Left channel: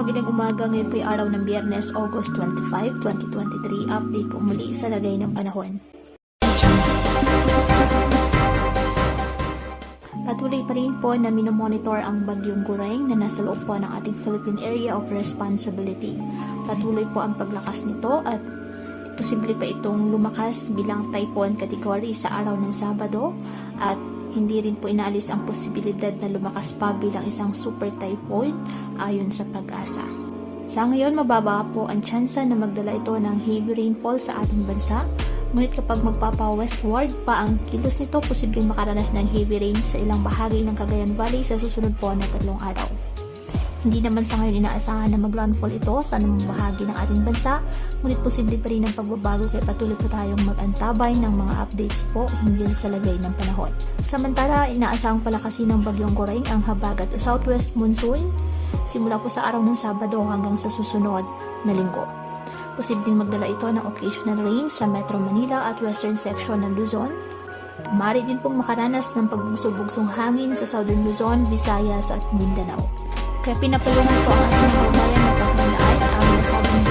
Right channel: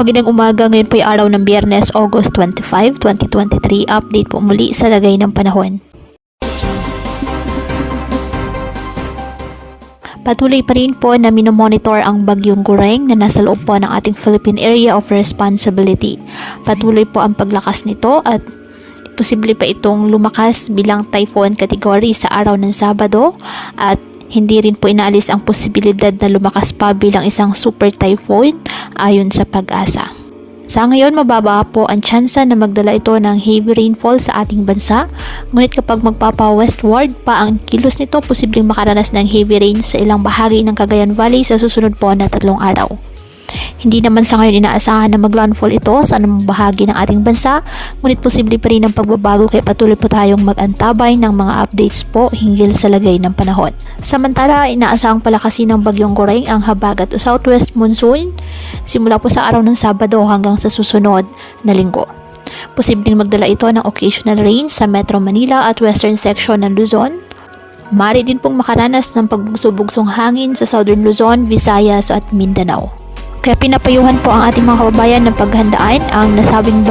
Magandang umaga, ngayon po ay araw ng Biyernes, August 25, 2023. Update po muli sa lagay ng panahon. Patuloy pa rin po na minomonitor ang bagyong Gureng na nasa loob po ng ating Philippine Area of Responsibility. Patuloy po ang paglakas nito at posible pa itong lumakas bilang typhoon category sa araw ng Sabado at hindi rin po inaalis ang posibilidad na lumakas pa bilang isang super typhoon ayon sa Pag-asa. Sa ngayon, mababa po ang tsansa na magdala ito ng heavy rainfall sa ating bansa. Ngunit kapag magpapa-westward pa ang kilos nito, posibleng makaranas ng heavy rain sa ilang bahagi ng Cagayan Valley sa susunod po na 3 araw. Hindi naman sa ngayon inaasahan na maglandfall ito sa anumang bahagi ng ating bansa, ngunit posible pa rin ang pagbabago kaya patuloy po tayong mag-antabay ng mga updates po hinggil sa lagay ng panahon. Samantala, inaasahang palakasin ng bagyong Gureng ang habagat o southwest monsoon simula po sa araw ng Sabado hanggang sa susunod na linggo. Posibleng magdala ito ng occasional rain sa Metro Manila at western section ng Luzon. Maaari din pong makaranas ng pagbugso-bugsong hangin sa southern Luzon, Visayas at Mindanao. Kaya pinapayuhan po ang ating mga kababayan na paghandaan ang nasabing